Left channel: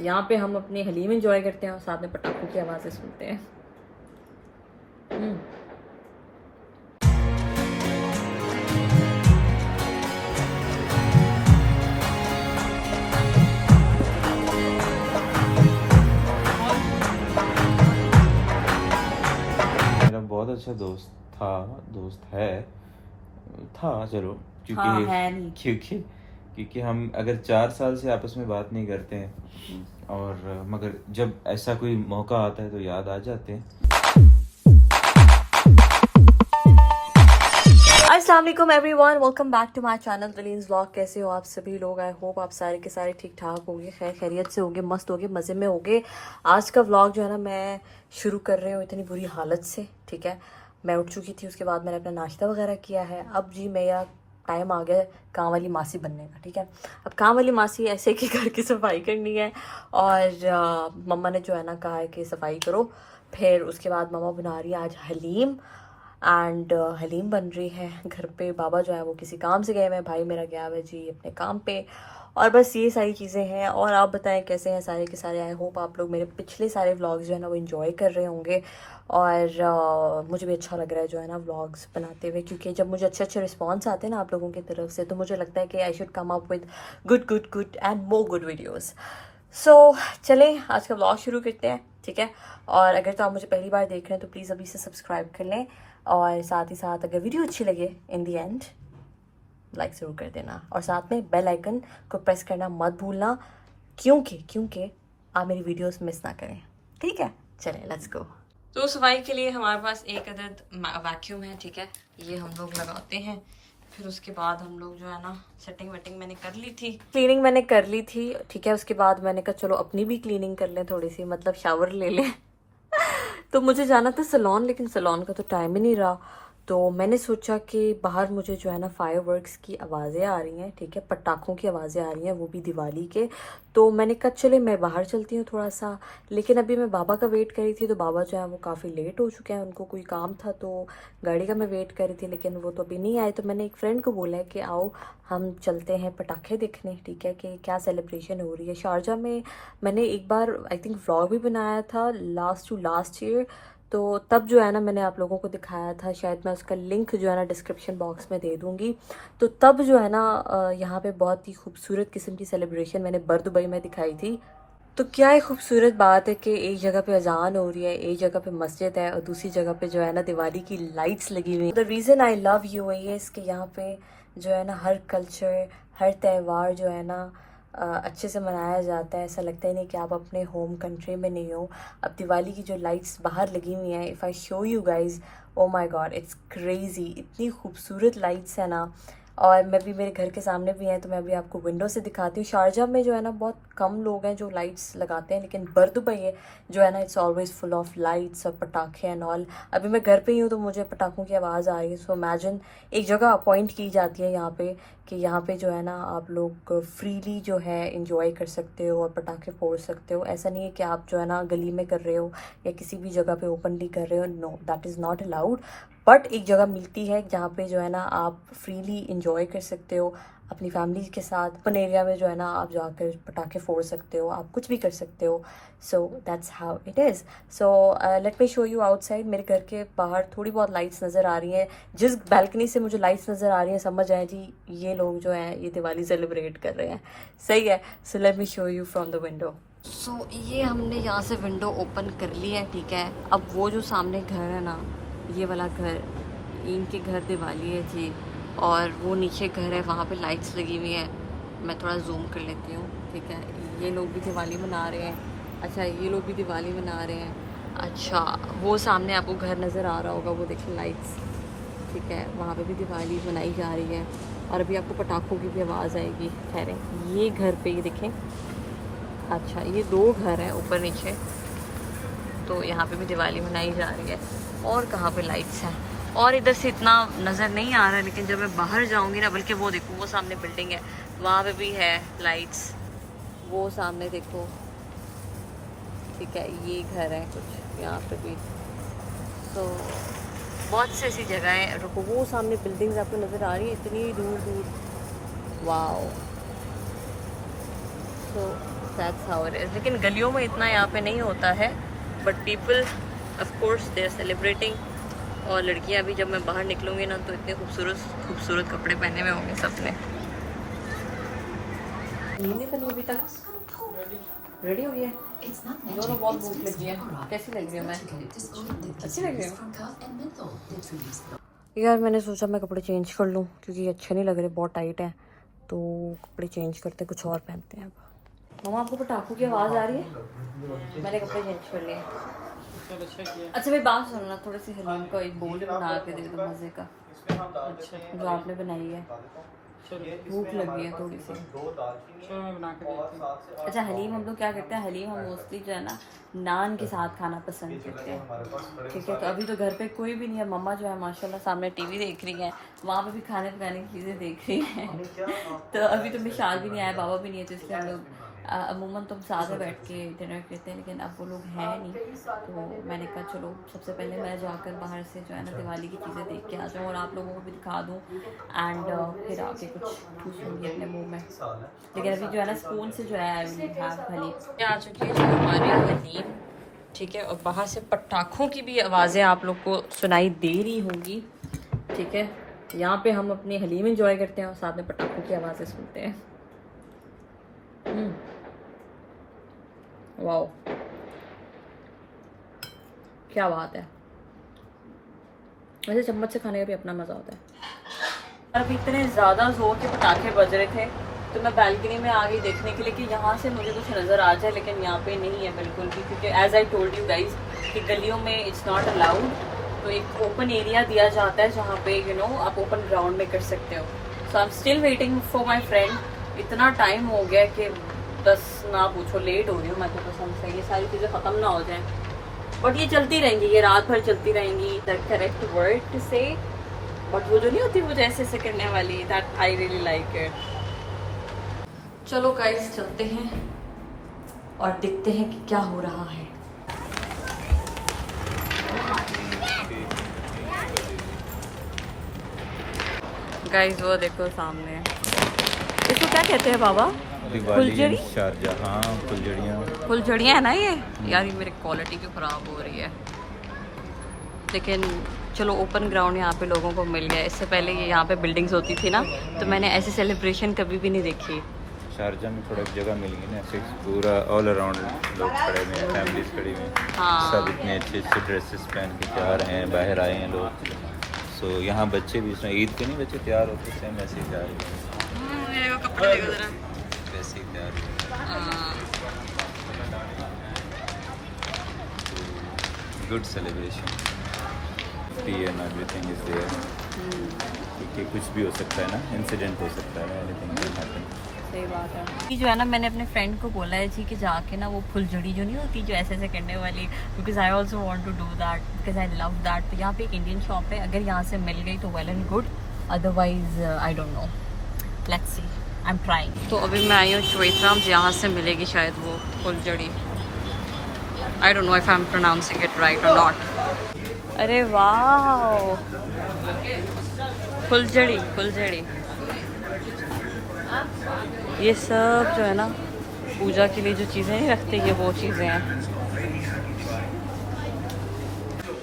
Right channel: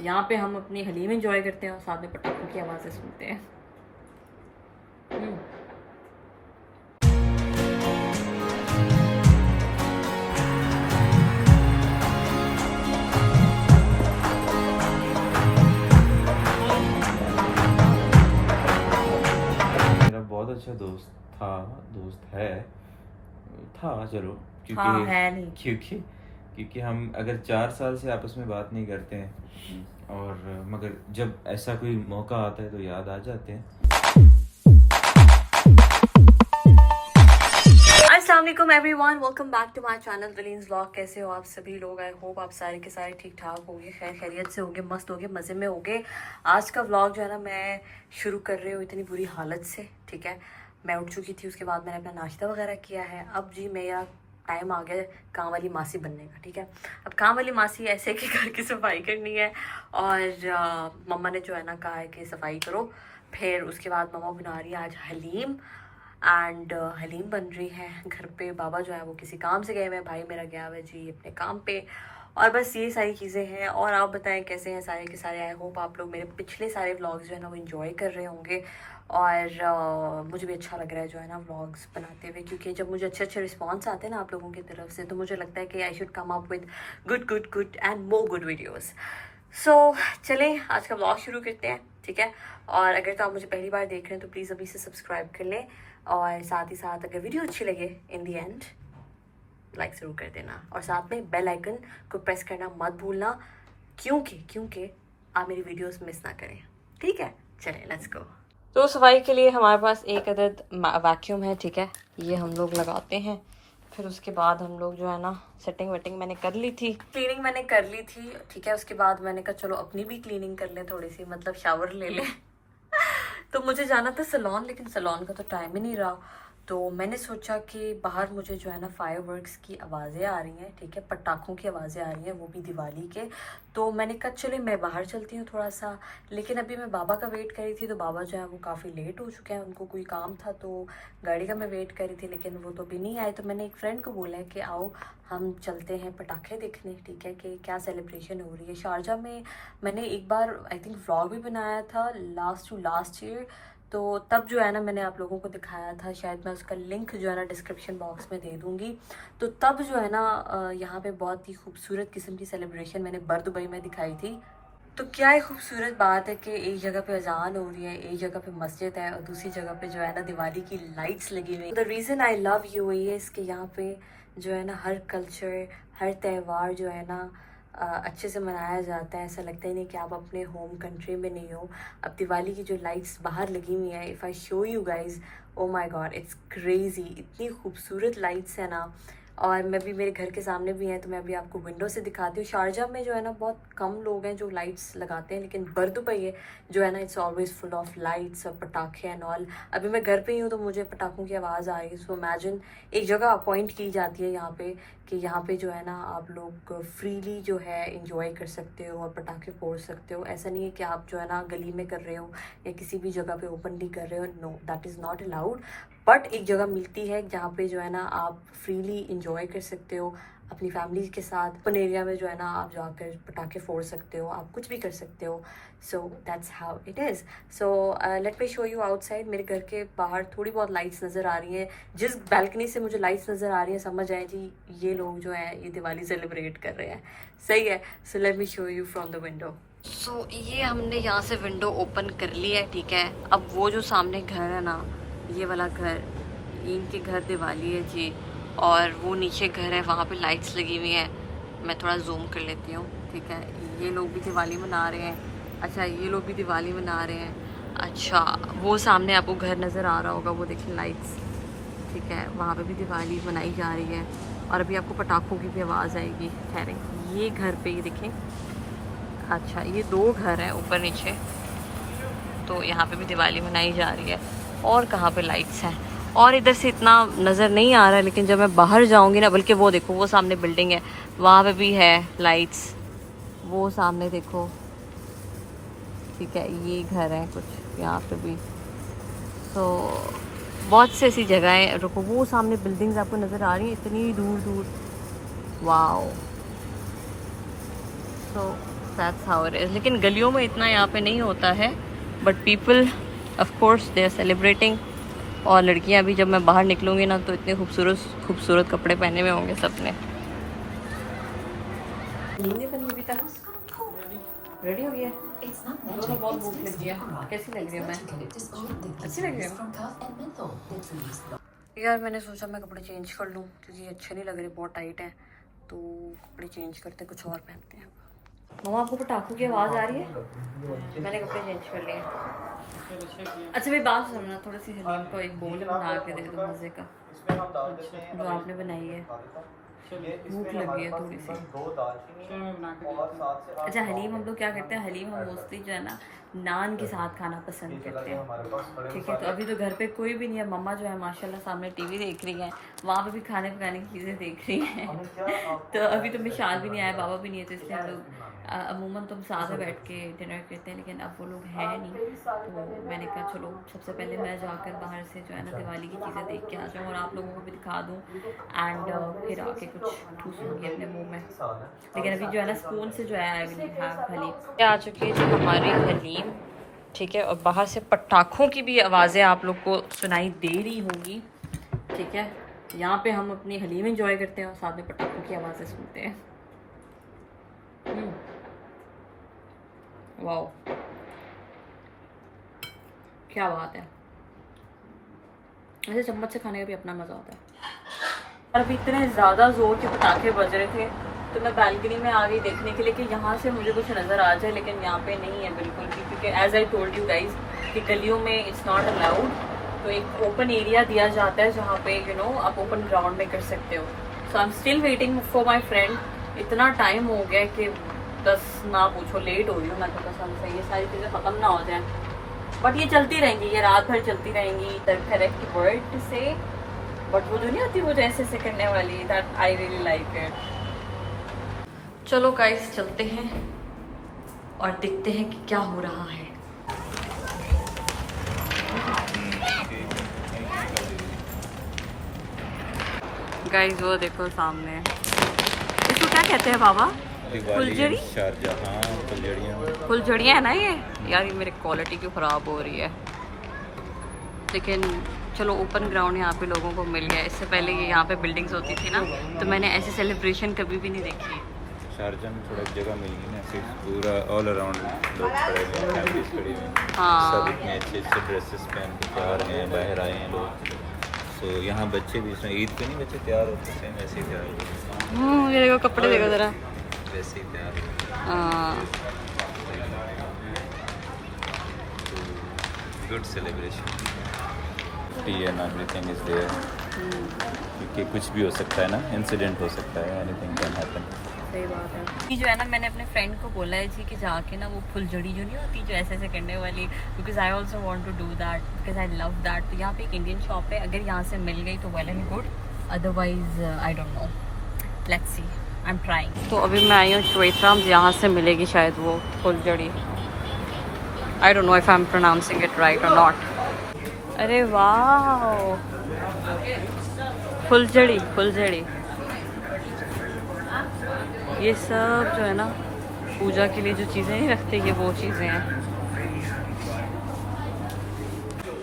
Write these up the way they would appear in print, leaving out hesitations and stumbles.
यहाँ पे हम अपनी हलीम इंजॉय करते हैं और साथ में पटाखों की आवाज़ें सुनते हैं। मेरा बहुत अच्छा दोस्त है, था चलो, हाँ, क्योंकि है नहीं। क्योंकि हम अगर 4 साल से आपस में बात नहीं करते हैं, और मगर जब ऐसा कोई मौका आता है तो याद आ जाते हैं। अस्सलाम वालेकुम everyone, welcome back to my channel Taleen's vlog. कैसे हो आप सभी लोग? आई होप आप सारे के सारे ठीक ठाक होंगे, खैर खैरियत से होंगे, मस्त होंगे, मज़े में होंगे। आज का व्लॉग जो है ना मैं शुरू कर रही हूँ इतनी बुरी हालत से। ठीक है, मैं उठ चुकी थी, उसके बाद मैंने अपना नाश्ता वगैरह किया है। अब जी मेरा टाइम आ गया काम वाली मासी बनने का। ठीक है, अब काम वाली मासी ऐसे कि घर की सफाई करनी है और मम्मा ने जो है ना कहा है कि सफाई करो। फिर उसके बाद मम्मा बना रही है आज हलीम एंड हलीम बन रही है घर पे। बाबा जो है वो किसी काम से गए हुए हैं, भाई मेरा गया हुआ है जी अपने काम पे। और बस ये सारी चीज़ें हैं। और आप बताएं कैसे हैं सारे के सारे? आई होप आप लोग मेरे पिछले सारे व्लॉग्स जो है ना वो इन्जॉय कर रहे होंगे। और मुझे भी अच्छा लग रहा है जो है ना व्लॉग्स बनाते हुए, क्योंकि जब मुझे अच्छे अच्छे रिस्पॉन्स आते हैं ना आप लोगों की तरफ से तो मुझे लगता है कि I should come up with good and more good videos. So चलें आज का व्लॉग शुरू करते हैं। ठीक है, और अगर तो आप मुझे पहली बार देख रहे हैं तो प्लीज़ अभी से सब्सक्राइब कर लें, और साथ ही साथ अगर वीडियो अच्छी लगे इन दी एंड लाइक ज़रूर कर देना, और साथ में बेल आइकन को प्रेस करना मत भूलना, क्योंकि आप मेरी वीडियोस मिस ना करें। ठीक है, चलें लेट्स गो। तो सफाई के लिए हमारे पास एक अदद वैक्यूम है। ठीक है, ये हम लोग लगाते हैं। फिर उसके बाद हम लोग जो है ना सेटिंग वेटिंग मैंने कर ली थी, क्लीनिंग मैंने कर ली थी। ठीक है, उसके बाद मैंने कहा चलो अपनी भी क्लीनिंग कर लें थोड़ी सी, मतलब शावर ले लें। तो मुझे जाना था सलोन, लेकिन सलोन का तो टाइम ही नहीं रहा। तो मैंने सोचा कि बाहर मुझे जो है ना फायरवर्क्स की आवाज़ें आ रही हैं। ठीक है, पटाखों की आवाज़ें आ रही हैं, वो भी दिवाली के। तो मैंने कहा चले मैं बाहर चलती हूँ थोड़ा सा। लेकिन अभी मैं बाबा का वेट कर रही थी, तो बाबा जो है वो काफ़ी लेट हो चुके हैं, उनको कोई काम था तो गाड़ी का मैं वेट कर रही थी, लेकिन वो तो अभी नहीं आए। तो मैंने एक फ्रेंड को बोला है कि आओ हम चलते हैं पटाखे देखने। ठीक है, कि क्या सेलिब्रेशन हो रही है शारजा में। मैंने एक बार आई थिंक व्लॉग भी बनाया था लास्ट ईयर, तो तब जो है ना मैंने आप लोगों को दिखाया था, शायद मैं उसका लिंक जो है ना डिस्क्रिप्शन बॉक्स में दे दूंगी। तो तब जो है ना यहाँ पे बहुत ही खूबसूरत किस्म की सेलिब्रेशन मैंने दुबई में दिखाई थी। तो क्या एक खूबसूरत बात है कि एक जगह पे अजान हो रही है, एक जगह पे मस्जिद है, और दूसरी जगह पे जो है ना दिवाली की लाइट्स लगी हुई। The reason I love UAE है इसके यहाँ पे जो है ना हर कल्चर, हर त्यौहार जो है ना अच्छे से मनाया जाता है। ऐसा लगता ही नहीं कि आप अपने होम कंट्री में नहीं हो। अब दिवाली की जो लाइट्स बाहर लगी हुई हैं, if I show you guys, oh my God it's crazy, इतनी खूबसूरत लाइट्स है ना। और मैं भी, मेरे घर के सामने भी हैं, तो मैं अभी आपको विंडो से दिखाती हूँ। शारजा में जो है ना बहुत कम लोग हैं जो लाइट्स लगाते हैं, लेकिन दुबई है जो है ना it's always full of lights और पटाखे एंड ऑल। अभी मैं घर पे ही हूँ तो मुझे पटाखों की आवाज़ आ रही है। सो इमेजिन एक जगह अपॉइंट की जाती है यहाँ पे कि यहाँ पे जो है ना आप लोग फ्रीली जो है इंजॉय कर सकते हो और पटाखे फोड़ सकते हो। ऐसा नहीं है कि आप जो है ना गली में कर रहे हो या किसी भी जगह पे ओपनली कर रहे हो, know that is not allowed. But एक जगह मिलती है जहाँ पे जो है ना आप फ्रीली इंजॉय कर सकते हो अपनी फैमिली के साथ। ओपन एरिया में जो है ना आप जाकर पटाखे फोड़ सकते हो, आप कुछ भी कर सकते हो। So that's how it is. So let me show you outside. मेरे घर के बाहर थोड़ी बहुत लाइट्स नज़र आ रही हैं। जिस बैल्कनी से मुझे लाइट्स नज़र आ रही हैं समझ आए जी ये लोग जो हैं ये दिवाली सेलिब्रेट कर रहे हैं। सही है, so let me show you from the window. So ये हमने यहाँ से विंडो ओपन कर ली है। ठीक है, अब वो जो सामने घर है ना, ये वाला घर, इनके घर दिवाली है जी, और वो नीचे घर है वहाँ पे लाइट्स लगी हुई हैं। मैं थोड़ा जूम कर लेती हूँ। ठीक है, ये लोग भी दिवाली मना रहे हैं। अच्छा, ये लोग भी दिवाली मना रहे हैं। अच्छा, वो सामने आपको घर नज़र आ रहा होगा, वो देखिए लाइट्स। ठीक है, वहाँ पे भी दिवाली मनाई जा रही है, और अभी आपको पटाखों की भी आवाज़ आएगी। ठहरें, ये घर पे ये देखें। अच्छा, ये दो घर हैं ऊपर नीचे, तो यहाँ पे भी दिवाली मनाई जा रही है। और कहाँ पे लाइट्स हैं, और इधर से इतना नज़र नहीं आ रहा है, लेकिन जब मैं बाहर जाऊँगी ना, बल्कि वो देखो वो सामने बिल्डिंग है, वहाँ पे भी है लाइट्स, वो सामने देखो। ठीक है, ये घर है कुछ यहाँ पे भी। तो बहुत से ऐसी जगहें, रुको वो सामने बिल्डिंग्स आपको नज़र आ रही है इतनी दूर दूर। वाओ, तो दैट्स हाउ इट इज़। लेकिन गलियों में इतना यहाँ पे नहीं होता है, but people of course they are celebrating. और लड़कियाँ भी जब मैं बाहर निकलूँगी ना तो इतने खूबसूरत खूबसूरत कपड़े पहने हुए होंगे सबने। नींद नहीं बनी अभी तक? रेडी हो गया? दोनों बहुत भूख लगी है। कैसी लग रही हूँ मैं? अच्छी लग रही हूँ यार। मैंने सोचा मैं कपड़े चेंज कर लूँ क्योंकि ये अच्छे नहीं लग रहे, बहुत टाइट है। तो कपड़े चेंज करते कुछ और पहनते हैं अब। मम्मा आपको पटाखों की आवाज़ आ रही है? मैंने कपड़े चेंज कर लिए। अच्छा भाई बात सुनना, थोड़ी सी हलीम को एक बोल बना के दे दो मज़े का, जो आपने बनाई है। भूख लगी है थोड़ी सी। अच्छा हलीम हम लोग क्या करते हैं, हलीम हम मोस्टली जो है ना नान के साथ खाना पसंद करते हैं। ठीक है, तो अभी तो घर पे कोई भी नहीं है। मम्मा जो है माशाल्लाह सामने टीवी देख रही है, वहाँ पे भी खाने पकाने की चीज़ें देख रही हैं। तो अभी तो मिशाल भी नहीं आया, बाबा भी नहीं है, तो इसलिए हम लोग अमूमन तो हम साथ में बैठ के डिनर करते हैं। लेकिन अब वो लोग हैं नहीं, तो मैंने कहा चलो सबसे पहले मैं जाकर बाहर से जो है ना दिवाली की चीज़ें देख के आ जाऊँ और आप लोगों को भी दिखा दूँ एंड फिर आके कुछ ठूसूँगी अपने मुंह में। लेकिन अभी जो है ना स्पून से जो है आई विल हैव हलीम। आ चुकी है जो हमारी हलीम, ठीक है। और बाहर से पटाखों की भी आवाज़ें आप लोग को सुनाई दे रही होंगी, ठीक है। यहाँ पे हम अपनी हलीम इंजॉय करते हैं और साथ में पटाखों की आवाज़ें सुनते हैं। वाओ क्या बात है। वैसे चम्मच से खाने का भी अपना मज़ा होता है। अब इतने ज़्यादा ज़ोर के पटाखे बज रहे थे तो मैं बालकनी में आ गई देखने के लिए कि यहाँ से मुझे कुछ नज़र आ जाए, लेकिन यहाँ पे नहीं है बिल्कुल भी, क्योंकि as I told you guys कि गलियों में इट्स नॉट अलाउड। तो एक ओपन एरिया दिया जाता है जहाँ पे यू नो आप ओपन ग्राउंड में कर सकते हो। So I am still waiting for my friend. इतना टाइम हो गया कि बस ना पूछो, लेट हो रही हूँ मैं तो कसम से। ये सारी चीज़ें ख़त्म ना हो जाएं, बट ये चलती रहेंगी, ये रात भर चलती रहेंगी। दैट करेक्ट वर्ड टू से, बट वो जो नहीं होती वो जैसे ऐसे करने वाली, that I really like it. चलो गाइस चलते हैं और देखते हैं कि क्या हो रहा है। गाइस वो देखो सामने, इसको क्या कहते हैं बाबा? फुलझड़ी? फुलझड़ियाँ है ना ये? यार ये मेरी क्वालिटी क्यों ख़राब हो रही है। लेकिन चलो ओपन ग्राउंड यहाँ पे लोगों को मिल गया। इससे पहले ये यहाँ पे बिल्डिंग्स होती थी ना, तो मैंने ऐसी सेलिब्रेशन कभी भी नहीं देखी। शारजा में थोड़ा जगह मिल गई ना, ऐसे पूरा ऑल अराउंड लोग खड़े हुए, फैमिलीज खड़ी हुई। हाँ सब इतने अच्छे अच्छे ड्रेसेस पहन के तैयार हैं, बाहर आए हैं लोग। सो यहाँ बच्चे भी, इसमें ईद पे नहीं बच्चे तैयार होते हैं, सेम ऐसे ही तैयार होते हैं। देखो कपड़े देखो ज़रा, वैसे ही तैयार होते हैं। हाँ good celebration and everything is there, क्योंकि कुछ भी हो सकता है ना, इंसिडेंट हो सकता है, एनीथिंग कैन हैपन। सही बात है। ये जो है ना मैंने अपने फ्रेंड को बोला है जी कि जाके ना वो फुलझड़ी जो नहीं होती जो ऐसे ऐसे करने वाली, because I also want to do that because I love that. तो यहाँ पे एक इंडियन शॉप है, अगर यहाँ से मिल गई तो well and good, otherwise I don't know, let's see, I am trying. तो अभी मैं आई हूँ चवेतराम्स, यहाँ से मिलेगी शायद वो फुलझड़ी। I don't know if I am pronouncing it right और नॉट। अरे वाह, फुलझड़ी फुलझड़ी, ये सब जो है ना पूजा के लिए जो चीज़ें नहीं रखते, ये वो चीज़ें हैं।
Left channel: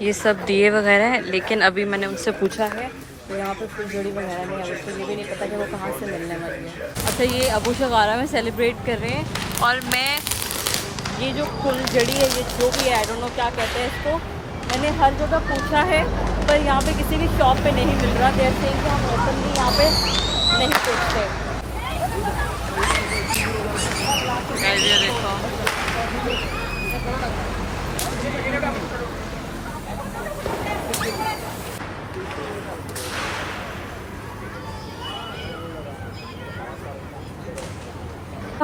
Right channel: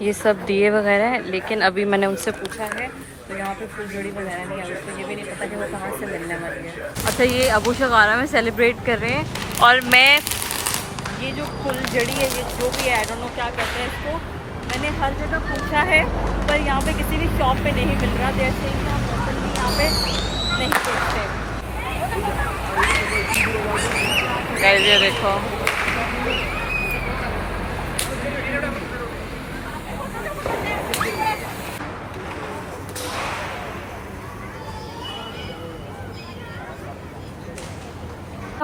ये सब दिए वगैरह हैं, लेकिन अभी मैंने उनसे पूछा है तो यहाँ पे फुलझड़ी वगैरह नहीं है, तो ये भी नहीं पता कि वो कहाँ से मिलने वाली है। अच्छा ये अबू शगारा में सेलिब्रेट कर रहे हैं, और मैं ये जो फुलझड़ी है, ये जो भी है आई डोंट नो क्या कहते हैं इसको, मैंने हर जगह पूछा है पर यहाँ पे किसी भी शॉप पे नहीं मिल रहा। जैसे कि हम ओपनली यहाँ पे नहीं पूछते। ये देखो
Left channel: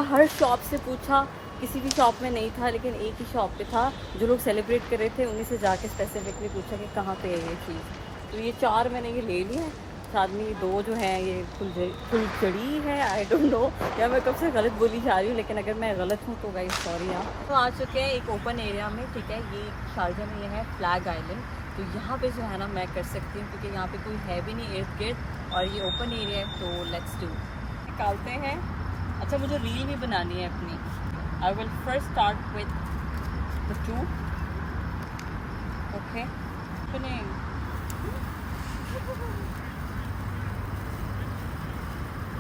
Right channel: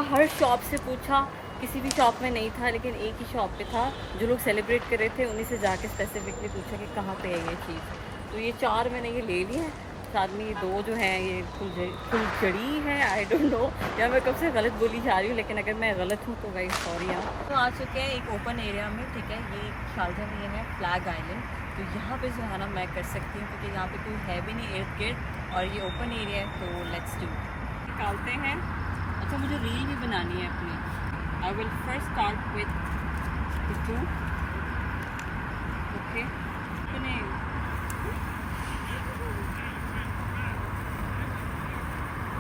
हर शॉप से पूछा, किसी भी शॉप में नहीं था, लेकिन एक ही शॉप पे था जो लोग सेलिब्रेट कर रहे थे, उन्हीं से जाके स्पेसिफिकली पूछा कि कहाँ पे है ये चीज़। तो ये 4 मैंने ये ले लिए हैं, साथ में ये 2 जो हैं ये फुलझड़ी है, आई डोंट नो, या मैं कब से गलत बोली जा रही हूँ, लेकिन अगर मैं गलत हूँ तो गाइस सॉरी। यहाँ तो आ चुके हैं एक ओपन एरिया में, ठीक है। ये शारजा में ये है फ्लैग आइलैंड, तो यहाँ पे जो है ना मैं कर सकती हूँ क्योंकि यहाँ पे कोई है भी नहीं इर्द गिर्द, और ये ओपन एरिया है, तो लेट्स डू, निकालते हैं। अच्छा मुझे रील भी बनानी है अपनी, I will first start with the two. Okay. Opening.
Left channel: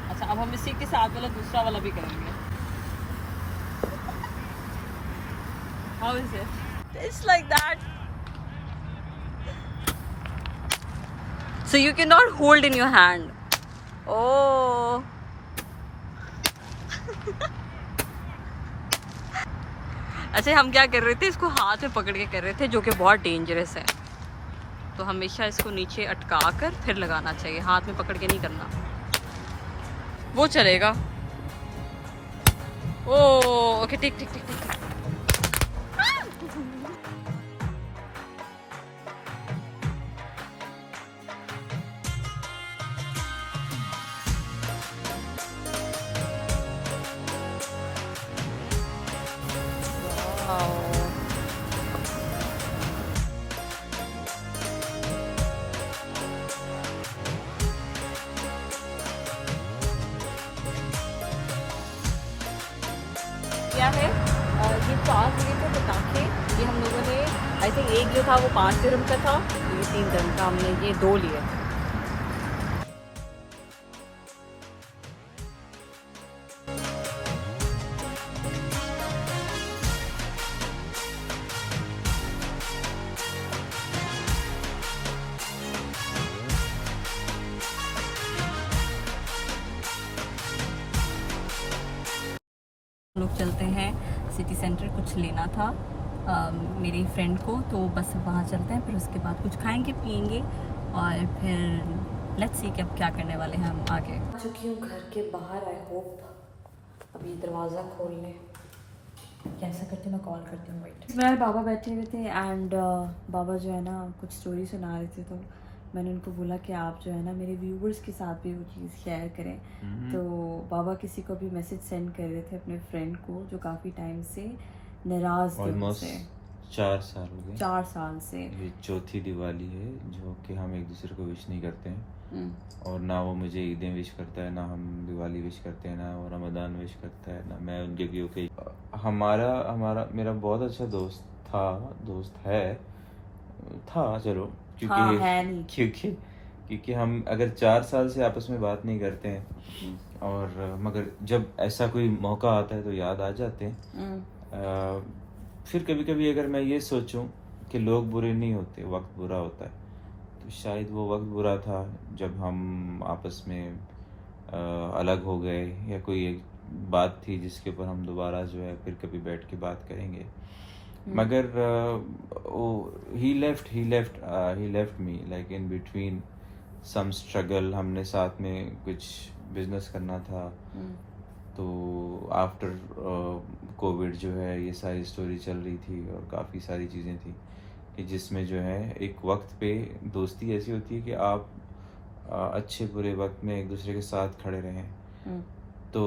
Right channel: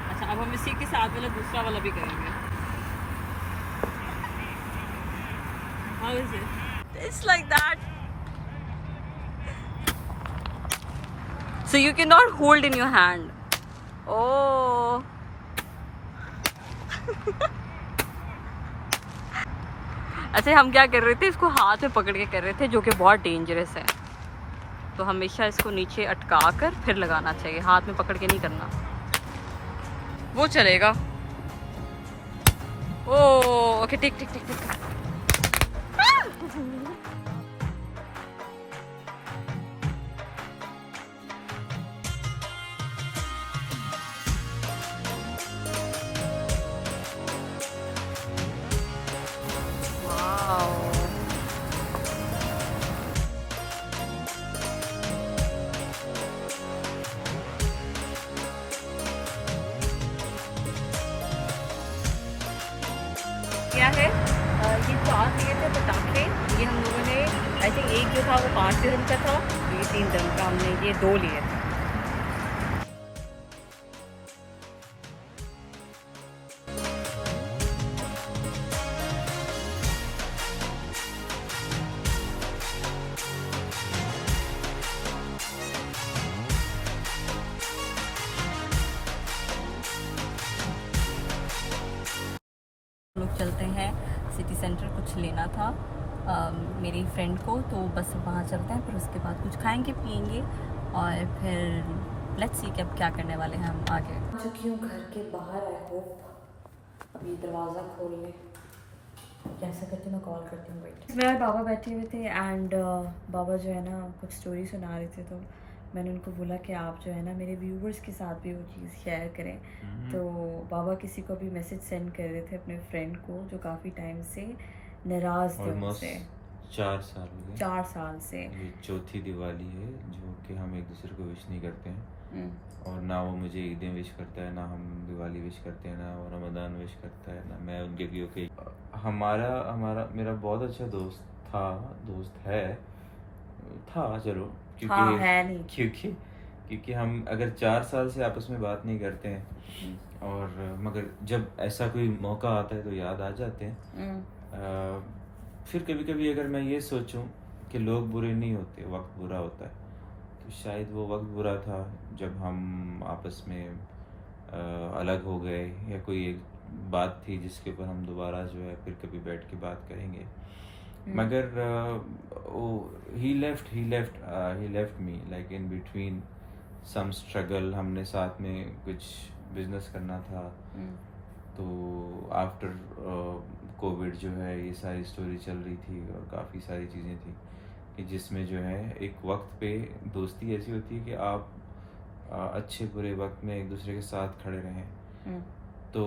अच्छा, अब हम इसी के साथ वाला दूसरा वाला भी करेंगे. How is it? It's like that. So you cannot hold in your hand. Oh. अच्छा, हम क्या कर रहे थे, इसको हाथ में पकड़ के कर रहे थे, जो कि बहुत डेंजरस है. तो हमेशा इसको नीचे अटका कर फिर लगाना चाहिए, हाथ में पकड़ के नहीं करना, वो चलेगा. ओ ओके, ठीक ठीक ठीक ठीक. वाओ. क्या है, ये 4 लिए थे पटाखे. ये हम लोगों ने, आई थिंक एक जो था वो 5 दिरहम का था, ये 3 दिरहम का. हमने ये 2 लिए थे. हम लोग चलते हैं सिटी सेंटर, कुछ लेना था मेरी फ्रेंड को, तो बस वहाँ चलते हैं. फिर उसके बाद कुछ खाएंगे पिएंगे और फिर लेट्स सी कि अब क्या करने वाले हैं हम आगे. आ चुकी हूँ घर के बाहर. आई होप अभी दरवाज़ा खोल लें. कैसा करती मैं कॉल करती हूँ. वेट. मेरे बाबा बैठे हुए थे एंड बाबा जो है ना कुछ स्टोरी सुना रहे थे, तो मैंने उनको बोला कि आप जो है ना मेरे व्यूवर्स के साथ भी वो चीज़ शेयर करें. तो बाबा किसी को भी मैसेज सेंड कर रहे थे अपने फ्रेंड को जो काफ़ी टाइम से नाराज़ थे उनसे. 4 साल हो गए. 4 साल से. ये चौथी दिवाली है जो कि हम एक दूसरे को विश नहीं करते हैं. और ना वो मुझे ईदें विश करता है, ना हम दिवाली विश करते हैं, ना वो रमज़ान विश करता है, ना मैं उनके क्योंकि हमारा मेरा बहुत अच्छा दोस्त था, चलो, हाँ, है नहीं. क्योंकि हम अगर 4 साल से आपस में बात नहीं करते हैं, और मगर जब ऐसा कोई मौका आता है तो याद आ जाते हैं. फिर कभी कभी अगर मैं ये सोचूं कि लोग बुरे नहीं होते, वक्त बुरा होता है, तो शायद वो वक्त बुरा था जब हम आपस में अलग हो गए, या कोई एक बात थी जिसके ऊपर हम दोबारा जो है फिर कभी बैठ के बात करेंगे. मगर he left me like in between some struggle. हमने साथ में कुछ बिजनेस करना था, तो आफ्टर कोविड जो है ये सारी स्टोरी चल रही थी और काफ़ी सारी चीज़ें थी कि जिसमें जो है एक वक्त पे दोस्ती ऐसी होती है कि आप अच्छे बुरे वक्त में एक दूसरे के साथ खड़े रहें. तो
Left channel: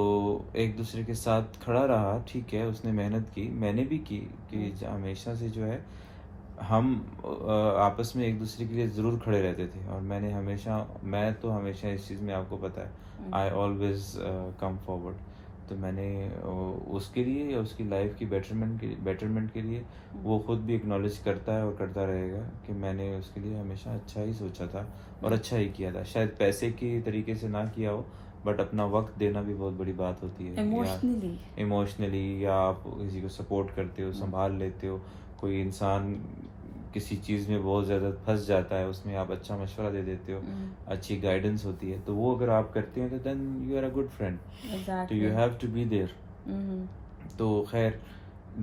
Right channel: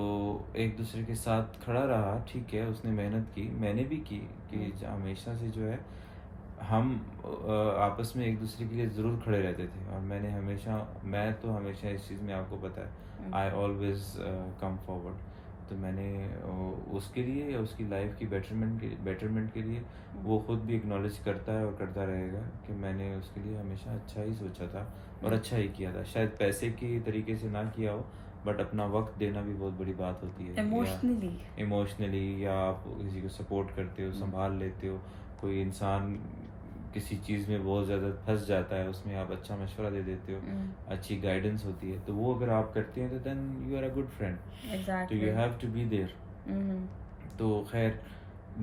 एक दूसरे के साथ खड़ा रहा, ठीक है, उसने मेहनत की, मैंने भी की कि हमेशा से जो है हम आपस में एक दूसरे के लिए ज़रूर खड़े रहते थे. और मैं तो हमेशा इस चीज़ में, आपको पता है, आई ऑलवेज कम फॉरवर्ड. तो मैंने उसके लिए, उसकी लाइफ की बेटरमेंट के लिए वो खुद भी एक्नॉलेज करता है और करता रहेगा कि मैंने उसके लिए हमेशा अच्छा ही सोचा था और अच्छा ही किया था. शायद पैसे के तरीके से ना किया हो, बट अपना वक्त देना भी बहुत बड़ी बात होती है. इमोशनली या आप किसी को सपोर्ट करते हो, संभाल लेते हो. कोई इंसान किसी चीज़ में बहुत ज़्यादा फंस जाता है, उसमें आप अच्छा मशवरा दे देते हो, अच्छी गाइडेंस होती है, तो वो अगर आप करते हैं तो then you are a good friend. तो you have to be there. तो खैर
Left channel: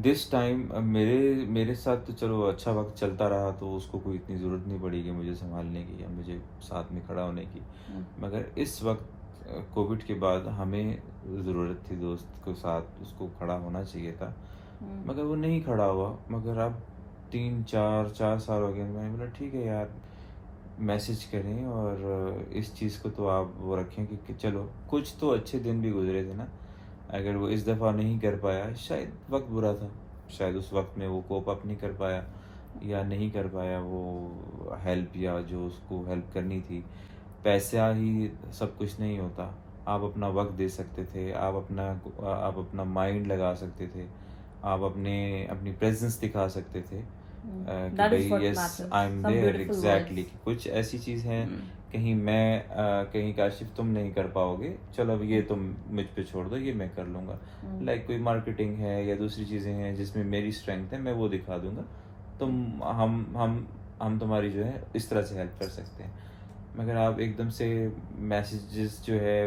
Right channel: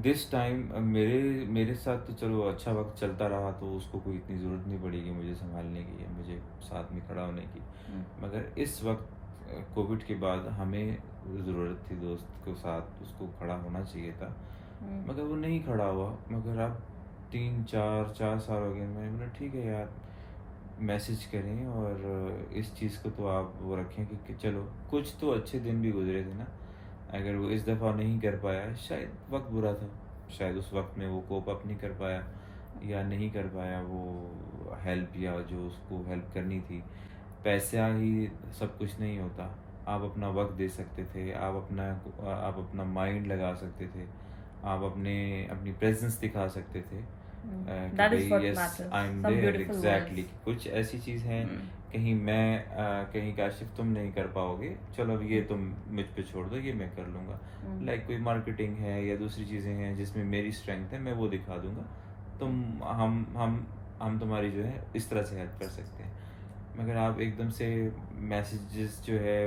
दिस टाइम मेरे साथ तो चलो अच्छा वक्त चलता रहा, तो उसको कोई इतनी ज़रूरत नहीं पड़ी कि मुझे संभालने की या मुझे साथ में खड़ा होने की. मगर इस वक्त कोविड के बाद हमें ज़रूरत थी दोस्त के साथ, उसको खड़ा होना चाहिए था, मगर वो नहीं खड़ा हुआ. मगर अब 4 साल हो गए. मैंने बोला ठीक है यार, मैसेज करें और इस चीज़ को तो आप वो रखें कि चलो कुछ तो अच्छे दिन भी गुजरे थे ना. अगर वो इस दफ़ा नहीं कर पाया, शायद वक्त बुरा था, शायद उस वक्त में वो कोप अप नहीं कर पाया या नहीं कर पाया वो हेल्प, या जो उसको हेल्प करनी थी. पैसा ही सब कुछ नहीं होता. आप अपना वक्त दे सकते थे, आप अपना माइंड लगा सकते थे, आप अपनी प्रेजेंस दिखा सकते थे कि That is भाई what yes matters. I am Some there beautiful exactly. words. कुछ ऐसी चीज़ हैं कहीं मैं कहीं काशिफ तुम नहीं कर पाओगे, चलो अब ये तुम मुझ पे छोड़ दो, ये मैं कर लूँगा। लाइक कोई मार्केटिंग है या दूसरी चीज़ें हैं जिसमें मेरी स्ट्रेंथ है, मैं वो दिखा दूँगा। तुम हम तुम्हारी जो है इस तरह से हेल्प कर सकते हैं। मगर आप एकदम से मैसेजेस जो है,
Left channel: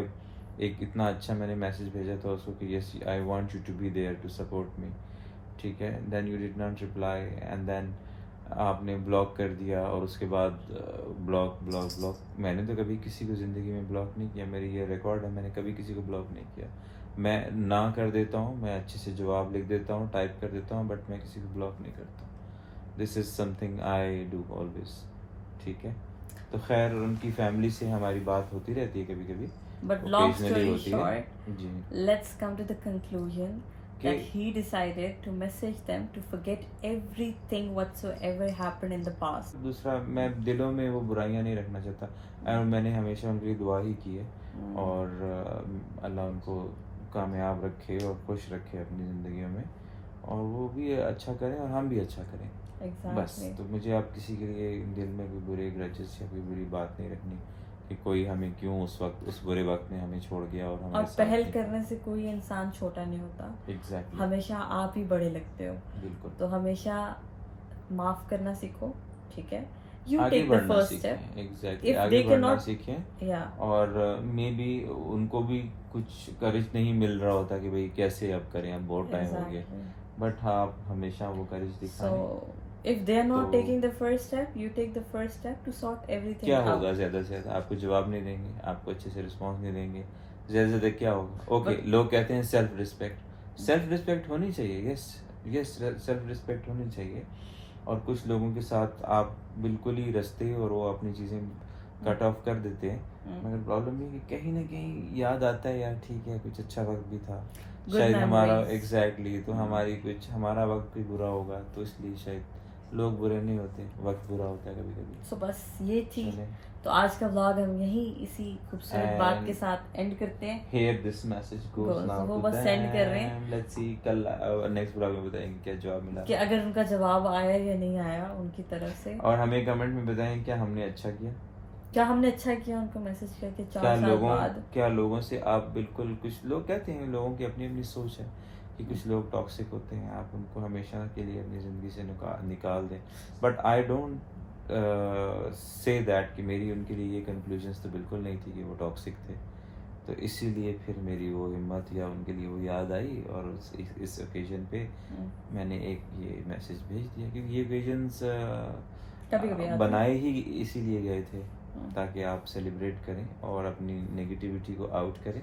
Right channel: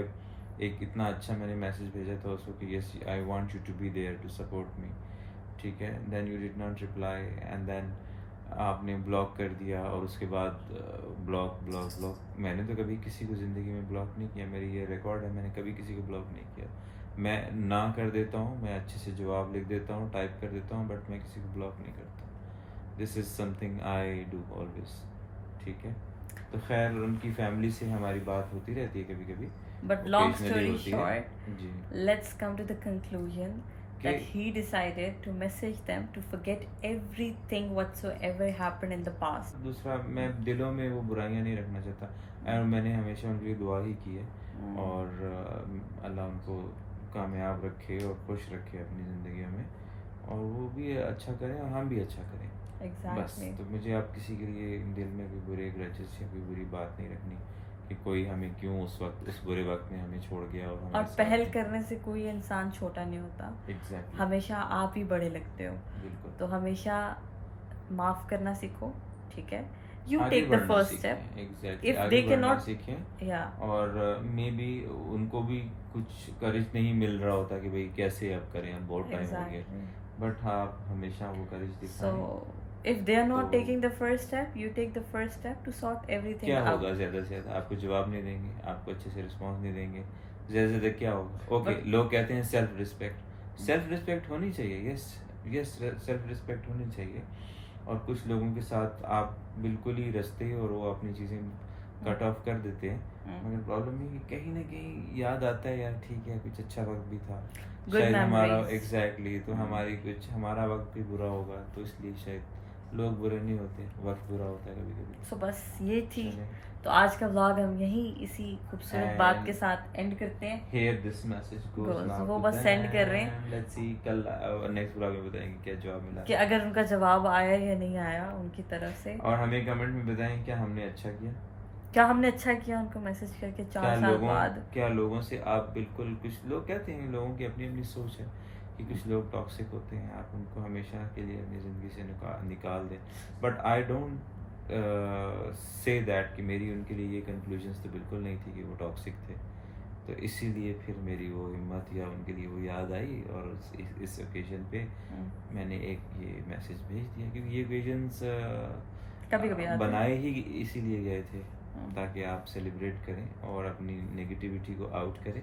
एक इतना अच्छा मैंने मैसेज भेजा था उसको कि yes I want you to be there to support me, ठीक है, then you did not reply and then आपने ब्लॉक कर दिया। और उसके बाद ब्लॉक ब्लॉक ब्लॉक। मैंने तो कभी किसी को ज़िंदगी में ब्लॉक नहीं किया, मेरी ये रिकॉर्ड है, मैंने कभी किसी को ब्लॉक नहीं किया। मैं ना कर देता हूँ, मैं अच्छे से जवाब लिख देता हूँ, टाइप कर देता हूँ, बट मैं किसी को ब्लॉक नहीं करता। This is something I do always, ठीक है। तो खैर उनकी फैमिली से हमारी बात होती रहती है कभी कभी, But long occasionally story होती है। short, ji let's come to the conclusion that कि- he decided to message them to forget everything whatsoever happened in the past. दूसरा, मैं दिलों में वो बुराइयां नहीं रखना चाहता और मैंने हमेशा उनके लिए दुआ ही की है। और अल्लाह उनको कामयाब रखे और खुश रखे अपनी ज़िंदगी में, और वो भी अच्छा करें और हम भी अच्छा करें। बस, Exactly. तो मुझे आप किसी के लिए दिल में कोई बुरे ग्रजेस या कोई बुरी बात नहीं रखनी कि कोई हमें क्यों उस बुरे वक्त में हमें छोड़ गया और और हमारे साथ पहल नहीं। करने से कोई इंसान छोटा नहीं होता, एग्जैक्टली, हमेशा आप ही बड़े लगते हो। बिल्कुल। तो हमेशा माफ करना सीखो, ठीक है। यू आगे टेक द बढ़ना फर्स्ट सीखें, स्टेप। एग्जैक्टली, If आगे they बढ़ना cannot- सीखें। या और मे बी उनको भी कुछ करेज नहीं मिल रहा होता कि भाई कैसे अब करें, अब बहुत टाइम हो गया, exactly. बट हाँ आप हमेशा वो करेज दिखाएं। So if they are not तो- taking the first step, you take the first step to sort everything क्या out. होगा, ज़्यादा से ज़्यादा आपको जवाब नहीं देंगे, आपको अच्छे से रिस्पॉन्स नहीं देंगे, ज़्यादा से ज़्यादा क्या होगा? ओके, लोग कहते हैं सेल्फ रिस्पेक्ट होनी चाहिए, यस यस, सेल्फ रिस्पेक्ट होनी चाहिए। और कुछ लोगों के साथ आप बिल्कुल ही रस्ते और वो अपनी चीज़ें कट ऑफ कर देते हैं। मगर प्रॉब्लम ये है कि कहीं ना कहीं याद आता है यार, ठीक है कुछ अच्छा वक्त भी था, Good शायद हमारा memories. एग्जैक्टली तो हमारा वक्त भी बुरा होगा, तो इसलिए शायद लोग बुरे नहीं होते, वक्त बुरा होता है कभी कभी। So बस ये थी। चलें। तो आज का व्लॉग हम यहीं इसी खूबसूरत बात के And- साथ एंड करते हैं। Here this message goes Goes, now वो to बस send कर रहे हैं। them. Let's see कल नेक्स्ट ब्लॉग में बताएंगे क्या जवाब मिला। कि अगर उनका जवाब आया या नहीं आया उनकी तरफ से, और हमें कमेंट में बताएं क्या हमने अच्छा किया, क्या हमने अच्छा किया उनको मैसेज करके 4 साल बाद। क्या लोगों से आप बिल्कुल, कुछ लोग कहते हैं लोगों की अपनी अपनी सोच है कि कुछ लोग टॉक्सिक होते हैं, आप उनको हमेशा के लिए अपनी ज़िंदगी से निकाल दें। But I don't say that कि मेरी उनके लिए ये कंक्लूजन्स तो बिल्कुल नहीं थी कि वो टॉक्सिक थे। तो इसीलिए फिर मेरी वो हिम्मत या उनके लिए वो याद आई और इस ओकेजन पे मैंने एक ये मैसेज भेज दिया, क्योंकि ये ओकेजन्स कभी-कभी आते हैं। बनाए ही इसीलिए गए थे ताकि आप सेलिब्रेट करें और अपनी नेगेटिविटी को आउट करें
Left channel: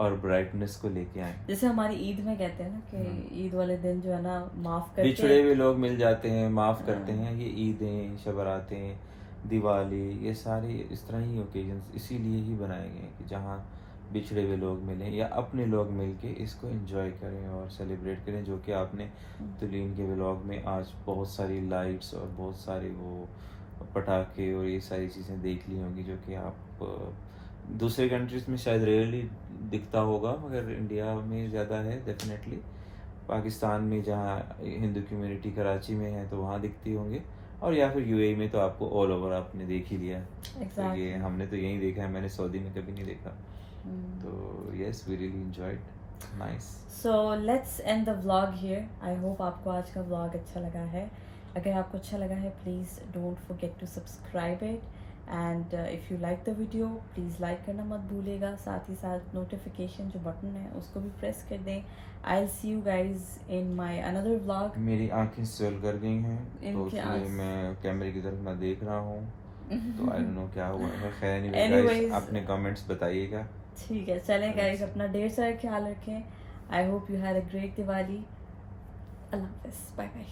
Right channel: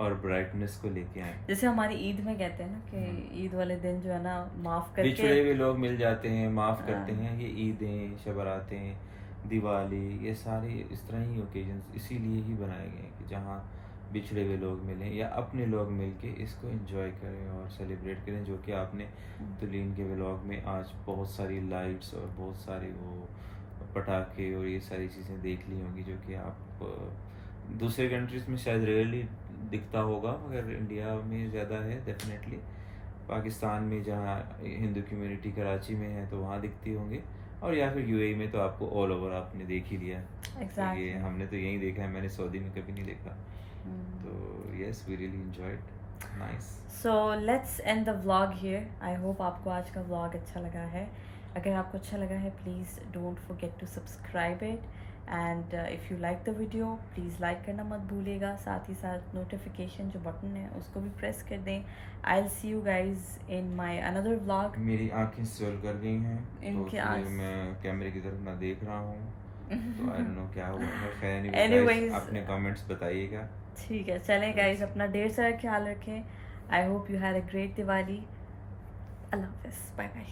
और ब्राइटनेस को लेके आए। जैसे हमारी ईद में कहते हैं ना कि ईद वाले दिन जो है ना माफ करके बिछड़े हुए लोग मिल जाते हैं, माफ़ करते हैं। ये ईदें, शब बारातें, दिवाली, ये सारे इस तरह ही ओकेजन्स इसीलिए ही बनाए गए हैं कि जहाँ बिछड़े हुए लोग मिलें या अपने लोग मिल के इसको एंजॉय करें और सेलिब्रेट करें। जो कि आपने तुलीन के व्लॉग में आज बहुत सारी लाइट्स और बहुत सारे वो पटाखे और ये सारी चीज़ें देख ली होंगी, जो कि आप दूसरे कंट्रीज़ में शायद रेयरली दिखता होगा, मगर इंडिया में ज़्यादा है डेफिनेटली। पाकिस्तान में जहाँ हिंदू कम्युनिटी कराची में है तो वहाँ दिखती होंगे, और या फिर यूएई में तो आपको ऑल ओवर आपने देख ही लिया। तो ये हमने तो यहीं देखा है, मैंने सऊदी में कभी नहीं देखा। तो yes, we really enjoyed, nice. So let's end the vlog here. I hope आपको आज का व्लॉग अच्छा लगा है। अगर आपको अच्छा लगा है please don't forget to subscribe it, and if you like the video please like करना मत भूलिएगा। साथ ही साथ नोटिफिकेशन जो बटन है उसको भी प्रेस कर दें। I will see you guys in my another vlog. मेरी आंखें स्वेल कर गई हैं तो इनकी इसलिए आँख- मैं कैमरे की तरफ मैं देख रहा हूँ, तो आई डोंट नो क्या हुआ है। खैर Anyways, अपने कमेंट्स बताइएगा। ठीक है, चलें गाइज, अपना ढेर सारा ख्याल रखें। I hope you had a great Diwali. अल्लाह हाफिज़, बाय बाय।